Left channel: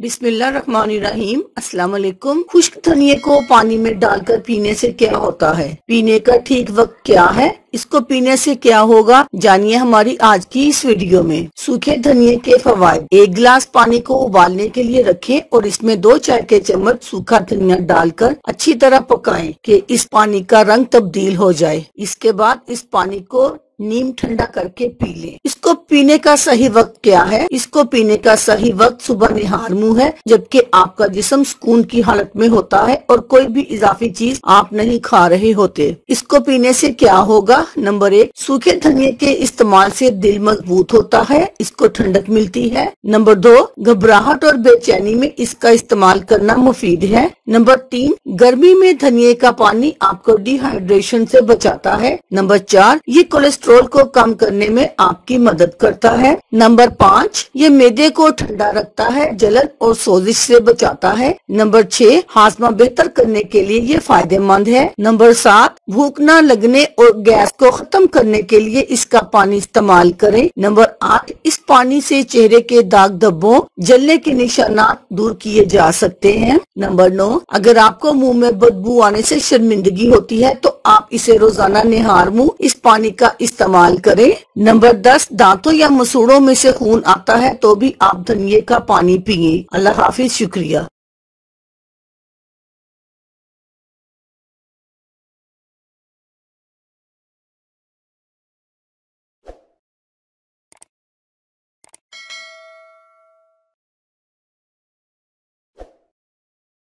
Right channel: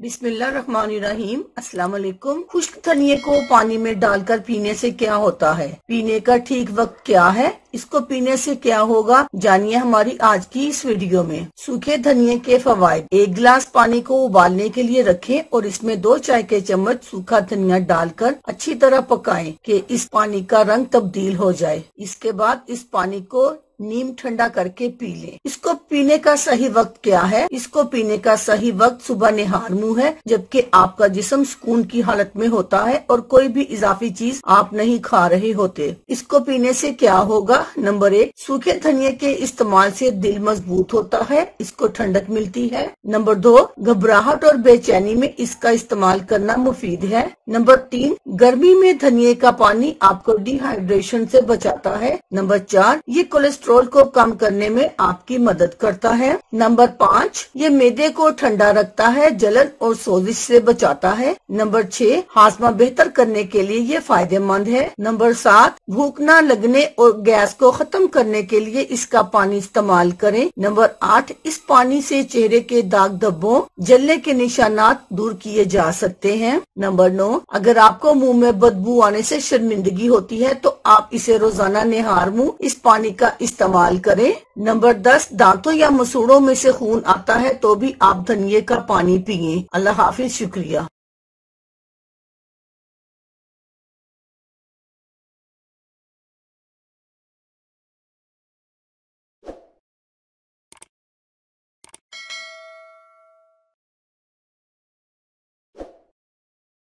बिस्मिल्लाहिर्रहमानिर्रहीम। अस्सलाम वालेकुम। खुश्क धनिये को पानी में डालकर पीने से क्या होता है? पीने का ठीक वक्त क्या है? इसको पीने से क्या होगा, जानिए हमारी आज की इस वीडियो में। सूखे धनिये के फवाइद। 1 गिलास पानी को उबालने के लिए रखें और इसमें 2 चाय के चम्मच सूखा धनिया डालकर अच्छी तरह पकाएं कि इस पानी का रंग तब्दील हो जाए। इसके बाद इस पानी को नीम ठंडा करके पी लें। इसको पीने का सही वक्त क्या है? इसको पीने का सही वक्त सुबह निहार मुंह है, जबकि आपका जिस्म सुकून की हालत में होता है और कोई भी इजाफी चीज आप नहीं खा रहे होते। इसको पीने से क्या होगा? नंबर 1, सूखे धनिये के इस्तेमाल से दिल मजबूत होता है, इसको ठंडक मिलती है। नंबर 2, घबराहट और बेचैनी में इसका इस्तेमाल करना मुफीद है। नंबर 3, गर्मी में धनिये का पानी आपको डिहाइड्रेशन से बचाता है। नंबर 4, ये कोलेस्ट्रॉल को कम करने में आपकी मदद करता है। नंबर 5, ये मैदे को ठंडा रखता है, जलन और सोजिश से बचाता है। नंबर 6, हाजमा बेहतर करने के लिए ये फायदेमंद है। नंबर 7, भूख न लगने और गैस को खत्म करने के लिए इसका पानी इस्तेमाल करें। नंबर 8, इस पानी से चेहरे के दाग धब्बों, जलने के निशानात दूर किए जा सकते हैं। नंबर 9, अगर आपको मुंह में बदबू आने से शर्मिंदगी होती है तो आप इसे रोजाना निहार मुंह इस पानी का इस्तेमाल करें। नंबर 10, दांतों या मसूड़ों में से खून आता है तो भी आप धनिये का पानी पिए। अल्लाह हाफिज। शुक्रिया।